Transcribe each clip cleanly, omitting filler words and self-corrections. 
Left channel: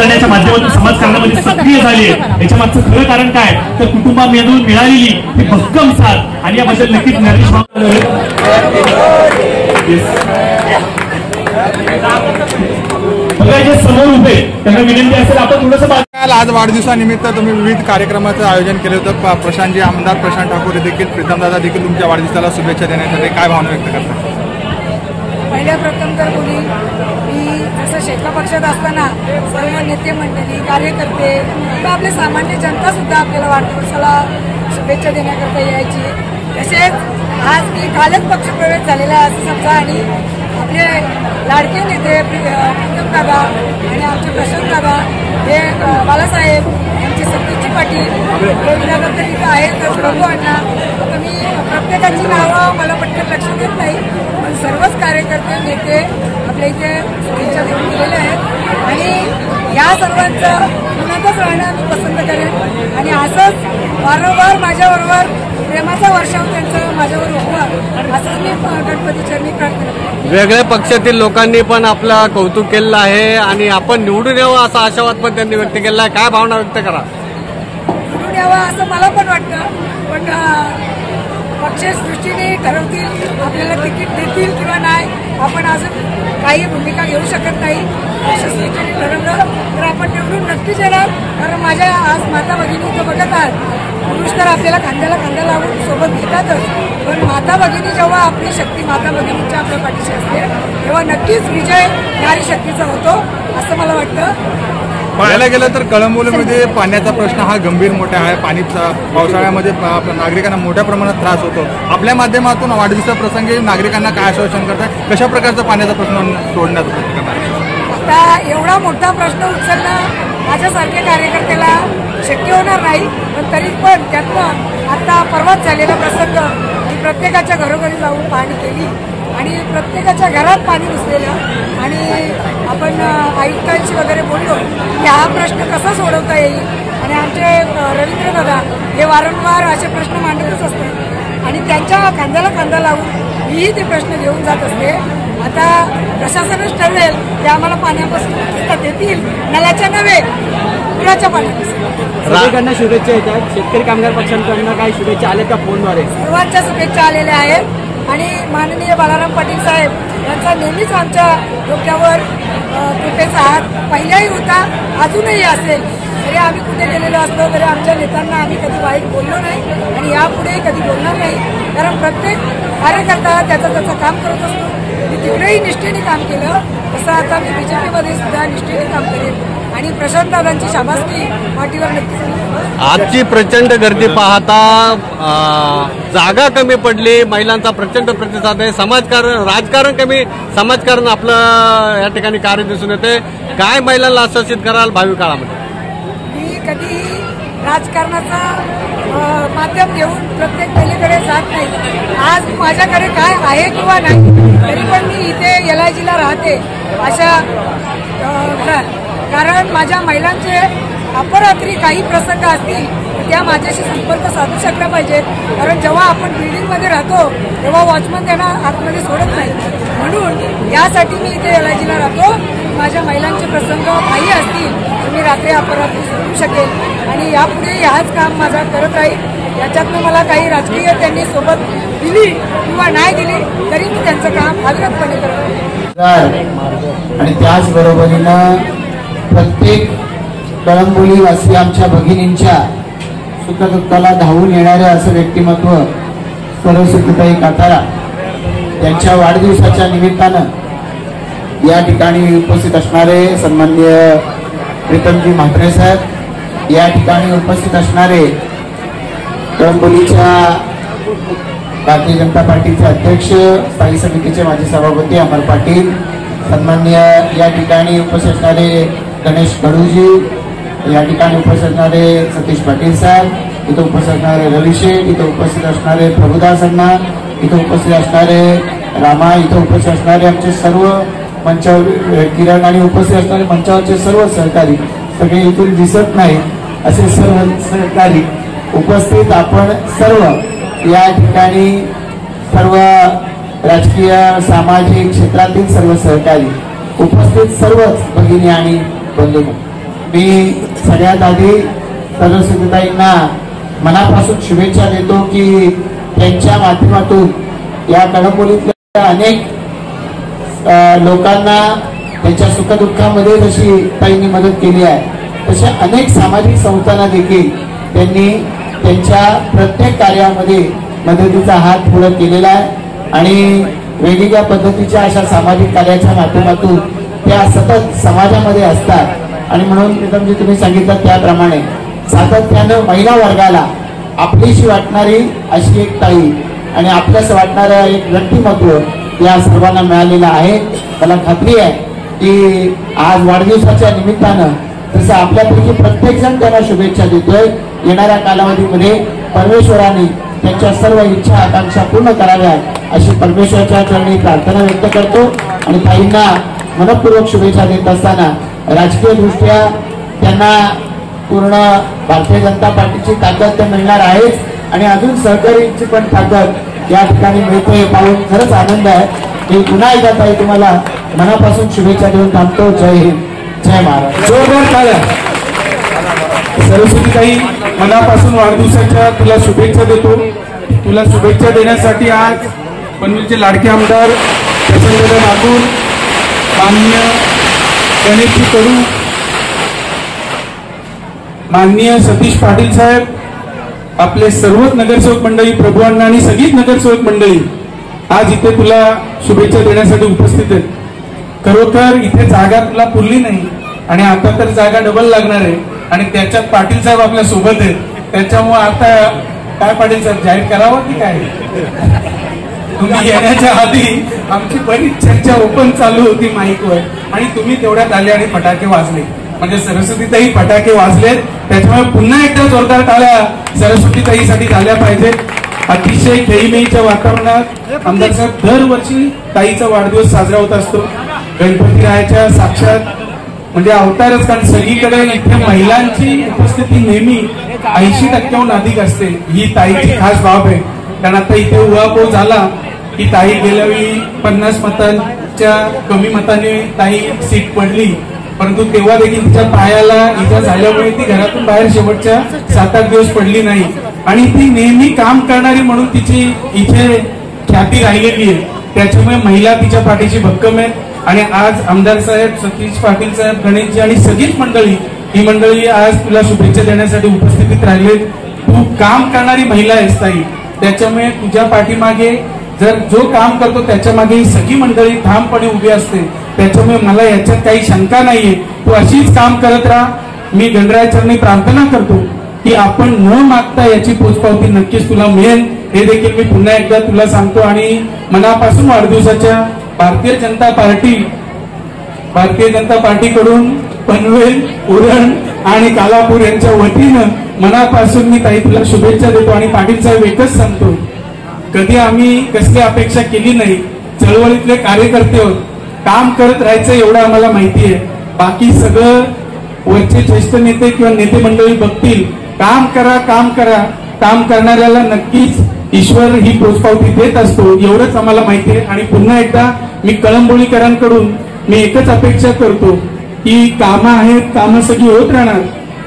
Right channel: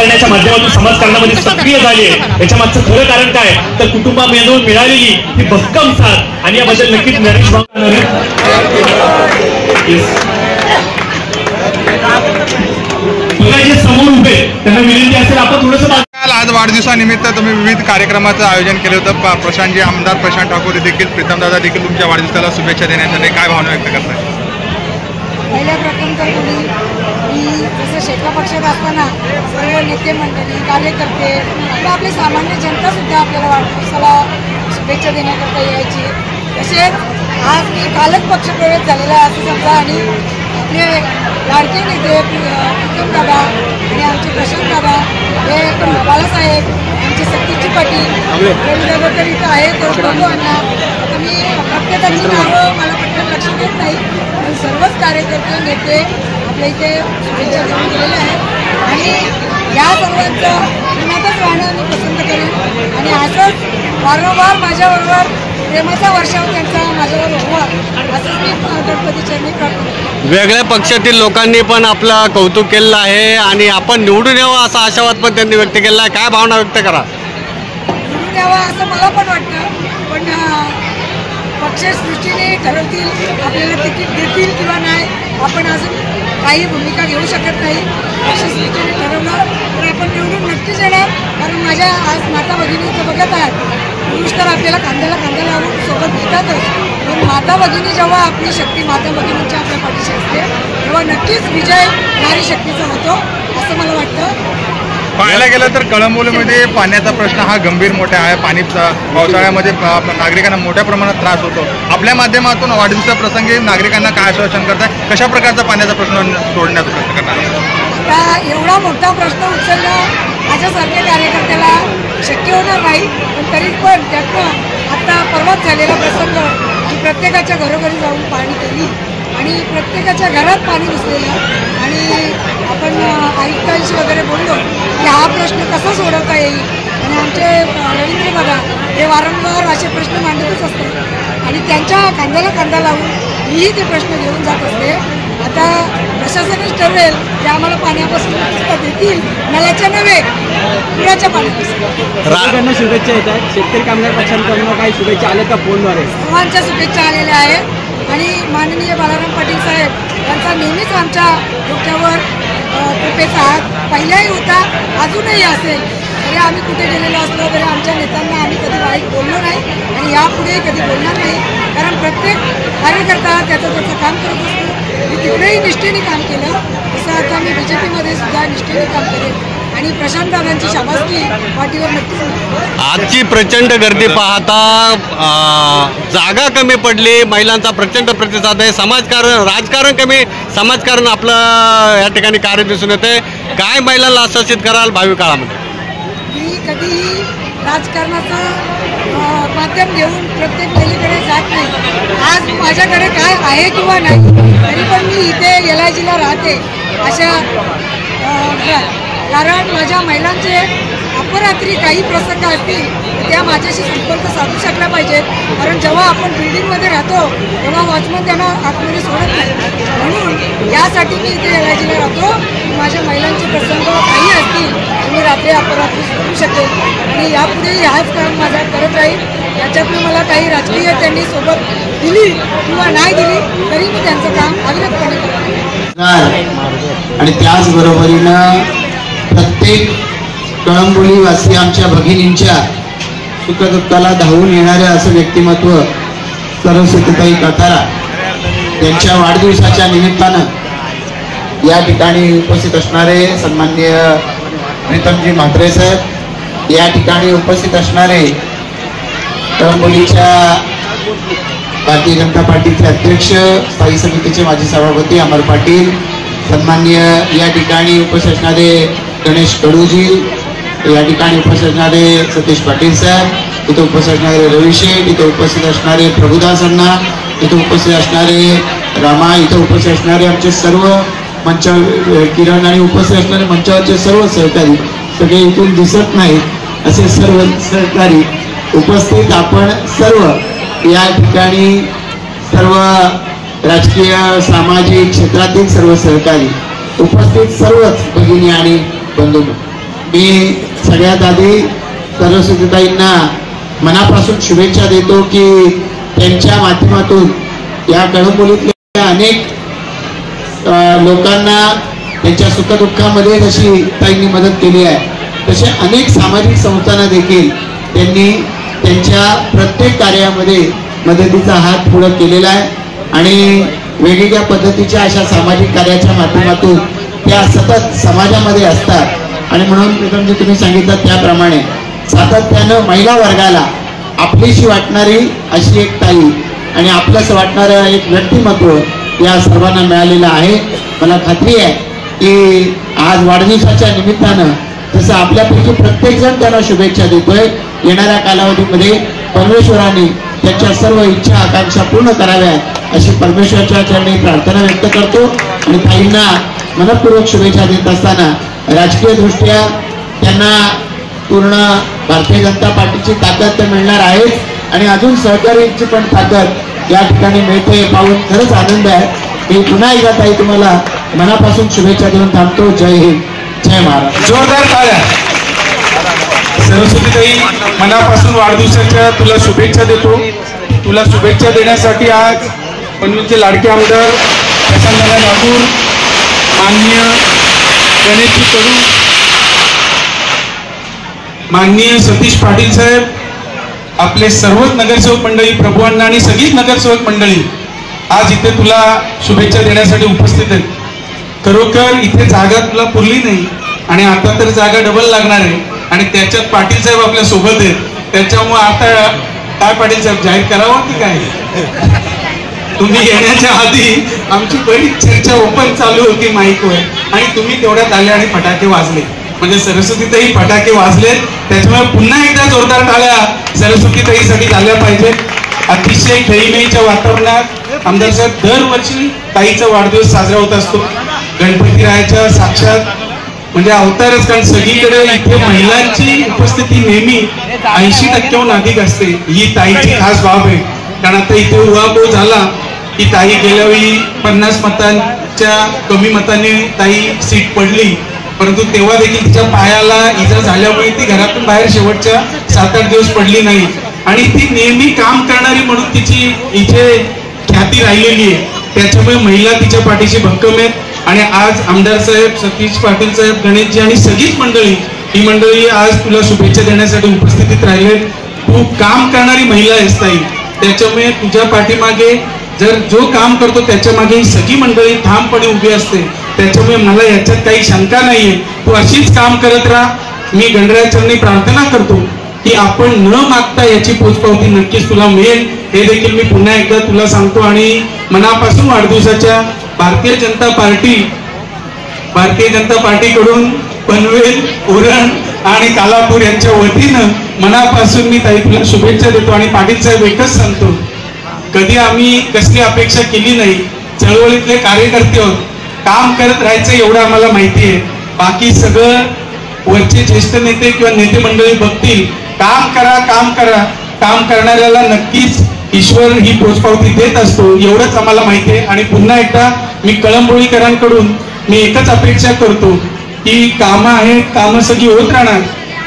राजकारणाच्या माध्यमातून समाजकारणामध्ये सक्रिय झाली आहे। याच्या मागचं खरं कारण काय तर कुटुंबामधून मिळालेली ही भक्कम साथ आणि याबद्दल नक्कीच ज्ञानेश जे समोर उभे त्यांना विनंती असेल आपण थोडंसं। आज वाढदिवसानिमित्त तुम्ही विविध कार्यक्रमाचं आयोजन केलं होतं। प्रशांतजी, आमदार प्रशांत ठाकूर देखील, प्रीतमदादा देखील तुमच्या वाढदिवसाला शुभेच्छा देण्यासाठी काय भावना व्यक्त करतात? पहिल्या प्रथम तर मी जसं शेका पक्षात असताना सर्व नेते मंडळी, कार्यकर्ते किंवा आपले सामान्य जनतासुद्धा आपल्याला वाढदिवसाला शुभेच्छा देण्याकरता यायची। तसेच आज मी कालच पक्षप्रवेश झालेला आहे असं समजा आणि आपले लाडके नेते प्रीतमदादा आणि आमचे प्रशांतदादा हे बालासाहेब आमची सतीची पाटील रविदादा तर इथं आहेत बघू अण्णा। आता मी प्रत्येकाची नावं मला पटकन लक्ष देत नाही पण सर्वच कार्यकर्ते नेते आपल्या इथे शुभेच्छा देऊन गेलेले आहेत आणि या सर्वांचं पुण्यातच राहणं मी पसंत करेन आणि असंच वारंवार माझ्याबरोबर प्रेमाचा वर्षाव त्यांचा माझ्यावर व्हावा असंच मी गणपती चरणी प्रार्थना करतो। वेगळ्या पक्षातील लोकांनी पण आपला कौतुक केलेलं आहे आणि आपण निवडून यावं असा आशावाद पण त्यांनी व्यक्त केला आहे। काय भावना व्यक्त करा? निवडून यावा असं मला पण वाटतं पण पक्षसृष्टीने ठरवतील आपल्याला तिकीट देतील किंवा नाही आपण अजून काही भूमिका घेऊ शकत नाही। पक्षसृष्टीने ठरवलं तर आपण निवडून नक्कीच येणार कारण माझ्या आज माता भगिनी इथं बघत आहात। पुरुष तर आपल्याला खांद्याला खांदा लावून सोबत घेतातच पण माता भगिनी जेव्हा आपली शक्ती माता भगिनींच्या आपल्या पाठीशी असते तेव्हा नक्कीच विजय नारी शक्तीचा होतो असं मला वाटतं। पाहायला गेलं तर कळंबोलीमध्ये पाण्याचा प्रश्न हा गंभीर मोठा आहे। पाणी पावसाळ्यामध्ये नागरिकांना मोठ्या प्रमाणात त्रास होतो। आपल्या माध्यमातून वाढदिवसाप्रसंगी नागरिकांना काय आश्वासन करतात? कशा प्रकारचा पाण्याचा प्रश्न सोडण्याचा प्रयत्न करणार? आता एवढा मोठा प्रश्न उचलणं माझ्यासारख्या कार्यकर्त्याला शक्य होणार नाही पण तरी पण त्यातनं आता परवाच झालेला प्रसंग की प्रत्येकाच्या घरोघरी जाऊन पाहणी केली आणि प्रत्येकाच्या घरात पाणी घुसलेलं आणि आपण आयुक्तांशी वगैरे बोललो की हा प्रश्न कसा सोडवता येईल आणि आमचे रवींद्र दादा हे वारंवार असे प्रश्न मांडतच असतात आणि त्यांच्या खांद्याला खांदा लावून मीही ते प्रश्न घेऊन जात असते। आता प्रशासनच ठरवेल की आम्हाला पाण्यापासून देतील नळाच्या नव्हे पुराच्या पाण्यापासून। शुभेच्छा येतात शेतकरी कामगार पक्षांकडून काही शुभेच्छा आल्या का फोनद्वारे? सर्वांच्या शुभेच्छा आलेल्या आहेत आणि माननीय बालाराम पाटील साहेब यांचा नेहमीच आमच्या डोक्यावर कृपेचा हात पहिल्याही होता अजूनही असेल। तरी आम्ही कुठे गेलेलो असलो तरी आमच्या नेत्यांना आम्ही कधी वाईट बोललो नाही आणि यापुढे कधी बोलणार नाही कारण प्रत्येक कार्यकर्ता त्याचं काम करत असतो। मी तिकडेही निष्ठेने काम केलं तसं आता मी BJPमध्ये सुद्धा निष्ठेने काम करेन आणि प्रशांतदादांची शाबासकी पाठीवर नक्कीच। आजची प्रचंड गर्दी पाहता जागा कमी पडली, महिलांचा प्रचंड प्रतिसाद आहे, समाजकारण राजकारण कमी समाजकारण आपलं या ठिकाणी कार्य दिसून येते। काय महिलांना आश्वासित कराल भावी काळामध्ये? मी कधीही राजकारणाचा माध्यम घेऊन प्रत्येक महिलेकडे जात नाही। आज माझ्याकडे काय आहे किंवा नाही तरी पण मी इथे LIGला राहते अशा घरात कारण माझ्या महिलांचे अपरात्री काही प्रसंग असतील तर त्या माझ्याशी संपर्क साधू शकला पाहिजेत कारण जेव्हा आपण बिल्डिंगमध्ये राहतो तेव्हा वॉचमन त्यांना आतमध्ये सोडत नाही म्हणून यासाठी मी इथे LIGला राहतो। माझ्या महिलांचे प्रसंग काही असतील तर मी रात्री अपरात्री सोडू शकेल आणि यापुढे हाच काम माझा करत राहील। याच्यातनं मला काही राजकीय त्यांनी सोबत दिली किंवा नाही दिली तरी मी त्यांचं काम अविरतपणे करत आणि त्याचबरोबरीनं प्रत्येक कळंबोलीवासी आमच्या भगिनींच्या सुखदुःखाला धावून येणाऱ्या असं व्यक्तिमत्व सरस्वतीताई कातारा यांच्या वाढदिवसाच्या निमित्तानं या ठिकाणी उपस्थित असणारे सन्माननीय प्रीतमजी म्हात्रे साहेब, या ठिकाणी उपस्थित असणारे कळंबोलीच्या भारतीय जनता पार्टीचे अध्यक्ष, स्थायी समितीचे माजी सभापती अमर पाटील, सन्माननीय या ठिकाणी उपस्थित असणारे गणेश कडूजी, या ठिकाणी उपस्थित असणारे सतीश पाटील साहेब, इथे उपस्थित असणारे रविशेठ, इथे उपस्थित असणारे प्रभुदास अण्णा, इथे उपस्थित असणारे रामा, इथे उपस्थित असणारे आमचे सर्व मंच किरण आणि उपस्थित असणारे मंचावरचे सर्व सहकारी, सगळे इथून दिसत नाही असे सर्व सहकारी उपस्थित, आपण सर्व या ठिकाणी सर्व राजकीय सामाजिक क्षेत्रातील सर्व सहकारी उपस्थित सर्वच भगिनी आणि बंधू मी सगळ्यात आधी सरस्वतीताईंना मनापासून शुभेच्छा देतो की त्यांच्या माध्यमातून या कळंबोलीतल्या अनेक लोकांना त्यांच्या सुखदुःखामध्ये जशी ताईंनी मदत केली आहे तसे अनेक सामाजिक संस्थांना देखील त्यांनी त्यांच्या प्रत्येक कार्यामध्ये मदतीचा हात पुढे केलेला आहे आणि वेगवेगळ्या पद्धतीच्या अशा सामाजिक कार्याच्या माध्यमातून त्या सतत समाजामध्ये असतात आणि म्हणून प्रीतमजी तुम्ही सांगितलं त्याप्रमाणे सातत्यानं महिला वर्गाला आपलीशी वाटणारी अशी एक ताई आणि आपल्यास वाटणारं एक व्यक्तिमत्व या सर्वांना मिळालेलं आहे. मला खात्री आहे की आज वाढदिवसाच्या निमित्तानं तसं आपल्यापैकी प्रत्येक जण त्यांना शुभेच्छा देतोय. येणाऱ्या कालावधीमध्ये परमेश्वराने त्यांच्या सर्व इच्छा आकांक्षा पूर्ण कराव्यात अशी परमेश्वराच्या चरणी प्रार्थना व्यक्त करतो आणि ताईंना मनपूर्वक शुभेच्छा देत असताना राजकीय दृष्ट्या त्यांना पूर्ण भारतीय जनता पार्टीची ताकद तर मिळणार आहेच आणि अजून सहकार्याची पण ताकद या ठिकाणी मिळते पाहून खरंच आनंद आहे की पुन्हा एकदा ताई तुम्हाला मनापासून शुभेच्छा देऊन थांबतो. जय हिंद, जय महाराष्ट्र. जोरदार टाळ्या. सरस्वतीताई, मनापासून वाढदिवसाच्या तुला शुभेच्छा देतो. तुला शुभेच्छा देण्यासाठी आज पनवेलचे लाडके आमदार प्रसन्नदा नागूर, माननीय गणेशजी कडू, माननीय सतीश पाटील साहेब, आपले सर्वच नगरसेवक मंडळी, प्रभुअण्णा आणि सगळीच नगरसेवक मंडळी आज इथे तुला शुभेच्छा देण्यासाठी उपस्थित आहेत. खरोखर इथे जागा तुला पुरली नाही आणि आता तर जागा डबल लागणार आहे आणि त्याच्यात पाटील साहेब आपल्या सोबत आहेत. त्याच्यामुळे आता काय पाटील साहेब जाहीर करावं की काय? तुम्ही येण्याच्या आधी आमची बरीच चर्चा ओपन चालू होती माईकवर आणि तुम्ही तेवढ्यात आले आणि फटाके वाजले. म्हणजे सरस्वतीताई फटाके वाजले, त्याच्यामुळे पुन्हा एकदा जोरदार टाळ्या सरस्वतीताईसाठी झाल्या पाहिजे. अतिशय खेळीमेळीच्या वातावरणात आमदार साहेब दरवर्षी ताईचा वाढदिवस साजरा होत असतो. गणपतीरायाच्या साक्षात म्हणजे अवतारच, कारण सगळीकडे इथे महिलांची उपस्थिती नेहमी 80% अधिक असते. ही ताईची खास बाब आहे. कारण आता इथे उहापोह झाला की ताई गेल्या वेळी 50 मतांच्या कमी मताने ताई सीट पडली, परंतु तेव्हा देखील तिच्या पायाला इजा झाल्यामुळे ती घरातून बाहेर शेवटच्या 7-8 दिवस पडली नाही आणि ती नेहमी काम करणारी म्हणून तिची इथे ख्याती राहिलेली आहे. त्याच्यामुळे महिला तिच्या पाठीशी भक्कम आहेत आणि आज आमदार साहेब, सतीश पाटील साहेब, गणेशजी आणि सगळीच मंडळी, ही मंडळी आज तुला शुभेच्छा देण्यासाठी उपस्थितीत राहिले. तू काम करणारी महिला आहेस ताई, त्याच्यामुळे तुझ्या पाठीमागे जर जो काम करतो त्याच्या मागे ही सगळी मंडळी ठामपणे उभी असते. त्याच्यामुळे मला याच्यात काही शंका नाहीये. तू अशीच काम करत राहा. मी गणरायाचरणी प्रार्थना करतो की आपण न मागता याची पोचपावती नक्कीच तुला मिळेल, हे देखील मी पुन्हा एकदा तुला सांगतो. आणि मनापासून वाढदिवसाच्या भारतीय जनता पार्टीकडून पनवेल, उरण आणि कालापूर यांच्या वतीनं मनापासून मी ताई तुला शुभेच्छा देतो. आणि पाटील साहेब एकच सांगतो, कधी आम्ही कसली अपेक्षा केली नाही. चळवळीतले कार्यकर्ते आहोत, काम करत राहायचं एवढं आम्हाला माहिती आहे. बाकी सगळं वरचे ज्येष्ठ नेते किंवा नेते मंडळी बघतील. काम करा, काम करा. काम करणाऱ्याला नक्कीच ईश्वर ही पोचपावती देत असतो, एवढंच आम्हाला माहिती आहे. आणि पुन्हा एकदा मी कळंबोलीकरांकडून मी एकच अपेक्षा करतो की कामं आहेत, कामं सगळी होत राहणार,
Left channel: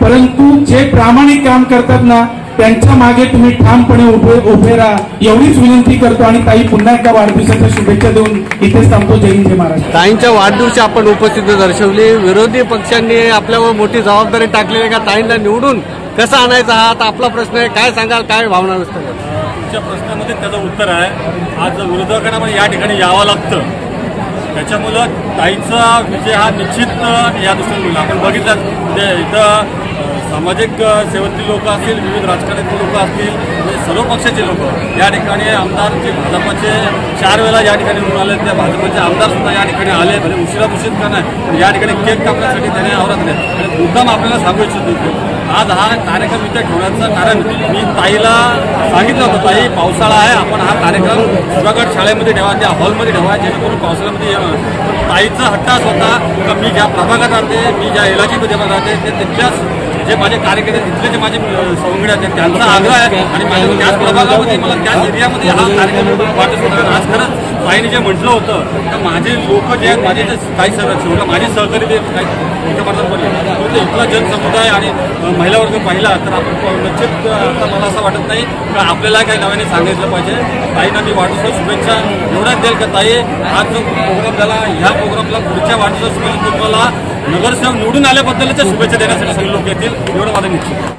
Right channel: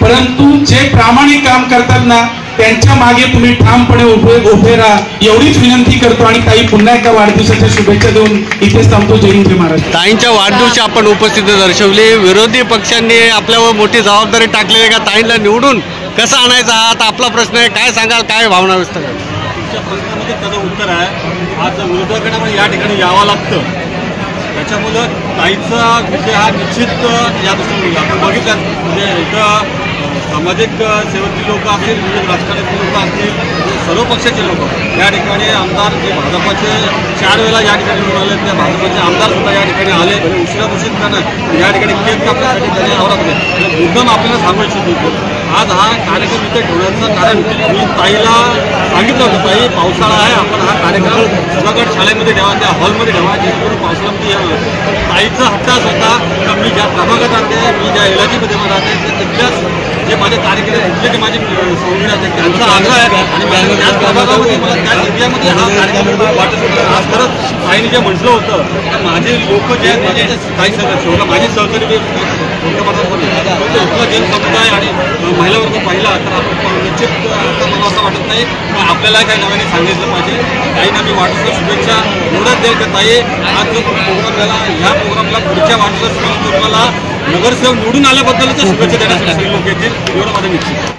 परंतु जे प्रामाणिक काम करतात ना त्यांच्या मागे तुम्ही ठामपणे उभे राहा, एवढीच विनंती करतो. आणि ताई पुन्हा एका वाढदिवसाच्या शुभेच्छा देऊन इथेच थांबतो. जय हिंद, जय महाराष्ट्र. ताईंच्या वाढदिवशी आपण उपस्थिती दर्शवली. विरोधी पक्षांनी आपल्यावर मोठी जबाबदारी टाकलेली आहे का ताईंना निवडून कसं आणायचा हा आता आपला प्रश्न आहे. काय सांगाल, काय भावना व्यक्त कराल? तुमच्या प्रश्नामध्ये त्याचं उत्तर आहे, आज विरोधकांना या ठिकाणी यावं लागतं. त्याच्यामुळं ताईचा विजय हा निश्चित या दृष्टीने होईल. आपण बघितलं म्हणजे इथं सामाजिक सेवेतली लोक असतील, विविध राजकारणातली लोक असतील, म्हणजे सर्व पक्षाचे लोक या ठिकाणी आमदार जे भाजपाचे 4 वेळा या ठिकाणी निवडून आले, त्या भाजपाचे आमदार सुद्धा या ठिकाणी आले. म्हणजे उशिरा दूषित करणं या ठिकाणी केक कापण्यासाठी त्याने आवडत नाही. मुद्दाम आपल्याला सांगू इच्छितो, आज हा कार्यक्रम इथे ठेवण्याचं कारण मी ताईला सांगितलं होतं, ताई पावसाळा आहे, आपण हा कार्यक्रम सुधागड शाळेमध्ये ठेवा, त्या हॉलमध्ये ठेवा, जेणेकरून पावसाळ्यामध्ये यावं. पण ताईचा हट्टाच होता का मी ज्या प्रभागात राहते, मी ज्या एलाजीमध्ये राहते, ते तिथल्याच जे माझे कार्यकर्ते इथले जे माझे सौंगडे आहेत त्यांचा आग्रह आहे आणि माझ्या त्याच प्रभागामध्ये मला त्याच एरियामध्ये हा कार्यक्रम वाटत होता. आज खरंच ताईने जे म्हटलं होतं तर माझे लोक जे आहेत, माझे काही शेवटला माझे सहकारी ते काही मोठ्या प्रमाणात पडले, इथला जनसमुदाय आणि महिला वर्ग पाहिला तर आपण निश्चित आता मला असं वाटत नाही का आपल्याला काही नव्याने सांगितलं पाहिजे. ताईंना मी वाढदिवसाच्या शुभेच्छा एवढ्याच देईल का ताई आज जो प्रोग्राम झाला ह्या प्रोग्रामला पुढच्या वाढदिवसाच्या तुम्हाला नगरसेवक निवडून आल्याबद्दलच्या शुभेच्छा देण्यासाठी सगळे लोक येतील एवढं माझं निश्चित.